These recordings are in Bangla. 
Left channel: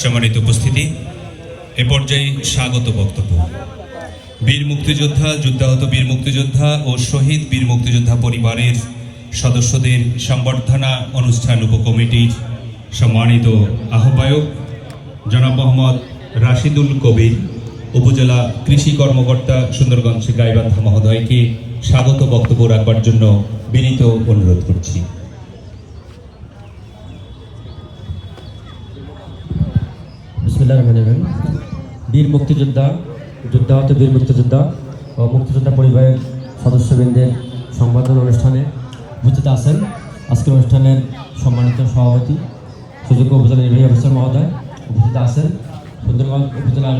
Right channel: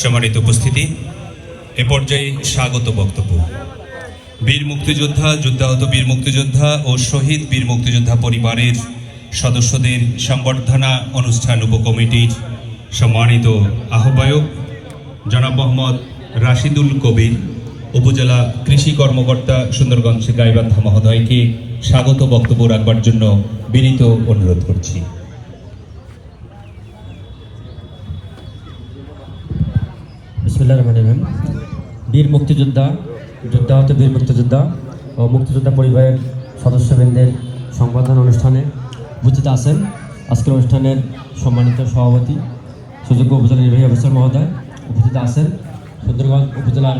সম্মানিত উপস্থিতি, এ পর্যায়ে স্বাগত বক্তব্য। বীর মুক্তিযোদ্ধা, যুদ্ধাহত বীর মুক্তিযোদ্ধা ও শহীদ বীর মুক্তিযোদ্ধা পরিবারের সদস্যদের সংবর্ধনা অনুষ্ঠান উপকমিটির সম্মানিত আহ্বায়ক জনাব মোহাম্মদ রাশিদুল কবির, উপজেলা কৃষি কর্মকর্তা সুন্দরগঞ্জ গাইবান্ধা মহোদয়কে স্বাগত বক্তব্য রাখবার জন্য বিনীত অনুরোধ করছি। বীর মুক্তিযোদ্ধা, যুদ্ধাহত বীর মুক্তিযোদ্ধা ও মুক্তিযোদ্ধা পরিবারের সদস্যবৃন্দের সংবর্ধনা অনুষ্ঠানে উপস্থিত আছেন আজকের অনুষ্ঠানের সম্মানিত সভাপতি সুযোগ্য উপজেলা নির্বাহী অফিসার মহোদয়, উপস্থিত আছেন সুন্দরগঞ্জ উপজেলার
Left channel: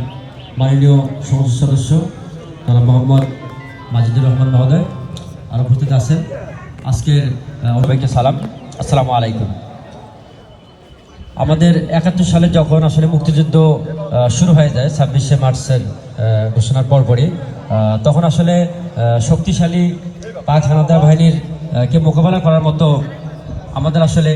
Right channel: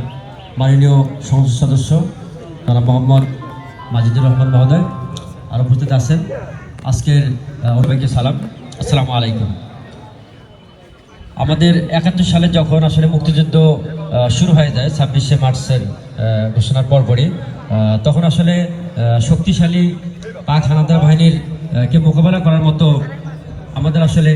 মাননীয় সংসদ সদস্য তারা মোহাম্মদ মাজিদুর রহমান মহোদয়, আর উপস্থিত আছেন আজকের অনেকে সালাম, আসসালামু আলাইকুম। আমাদের 71 সালে যখন আসলে মুক্তিযুদ্ধ শুরু হয়ে যায় 26শে মার্চের ঘোষণার পরপরই, তখন আসলে শক্তিশালী পাক হানাদার বাহিনীর কে মোকাবেলা করার মতো আমাদের আসলে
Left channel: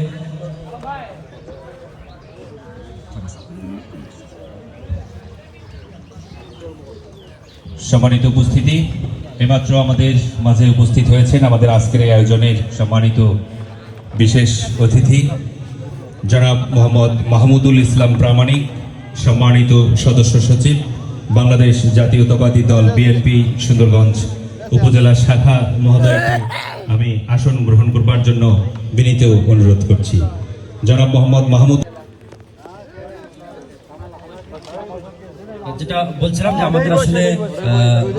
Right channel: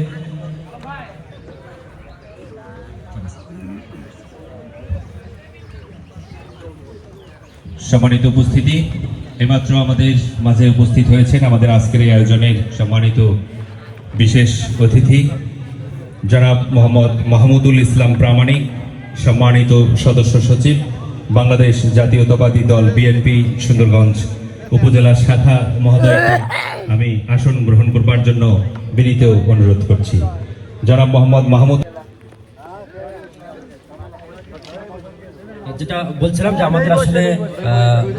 সম্মানিত উপস্থিতি, এইমাত্র আমাদের মাঝে উপস্থিত হয়েছেন আমাদের আজকের এই আয়োজনের সম্মানিত বিশেষ অতিথি জনাব মোহাম্মদ মাহমুদুল ইসলাম প্রামাণিক, সম্মানিত সদস্য সচিব, বাংলাদেশ জাতীয়তাবাদী দল বিএনপি সুন্দরগঞ্জ উপজেলা শাখা মহোদয়কে আমি আসন গ্রহণ করবার জন্য বিনীত অনুরোধ করছি। জনাব মোহাম্মদ মাহমুদ, যেটা বলছিলাম যে আমাদের আসলে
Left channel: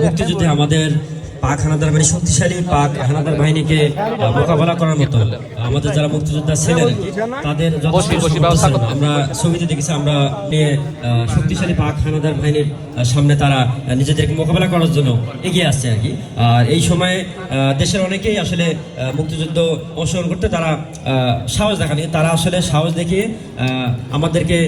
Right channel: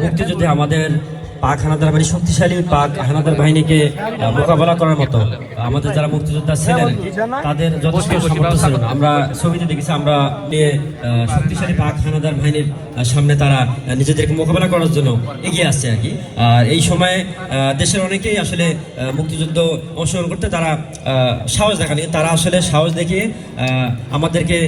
মুক্তিযুদ্ধে আমাদের পাক হানাদার বাহিনী, শক্তিশালী পাক হানাদার বাহিনীকে মোকাবেলা করার মতো আমাদের যারা মুক্তিযোদ্ধা ছিলেন তাদের যথেষ্ট সামর্থ্য ছিল না। আমরা ছবিতে দেখেছি, আমরা শক্তিশালী পাক হানাদার বাহিনীর সামনে তারা নিজেদেরকে মোকাবেলা করার জন্য এগিয়ে আসছে আর কি। আর এই সময়ে দেশের অনেকেই আসলে মুক্তিযুদ্ধ অংশগ্রহণ করতে তারা সাহস দেখানি, তারা আসলে সাহস দেখিয়ে আমাদেরকে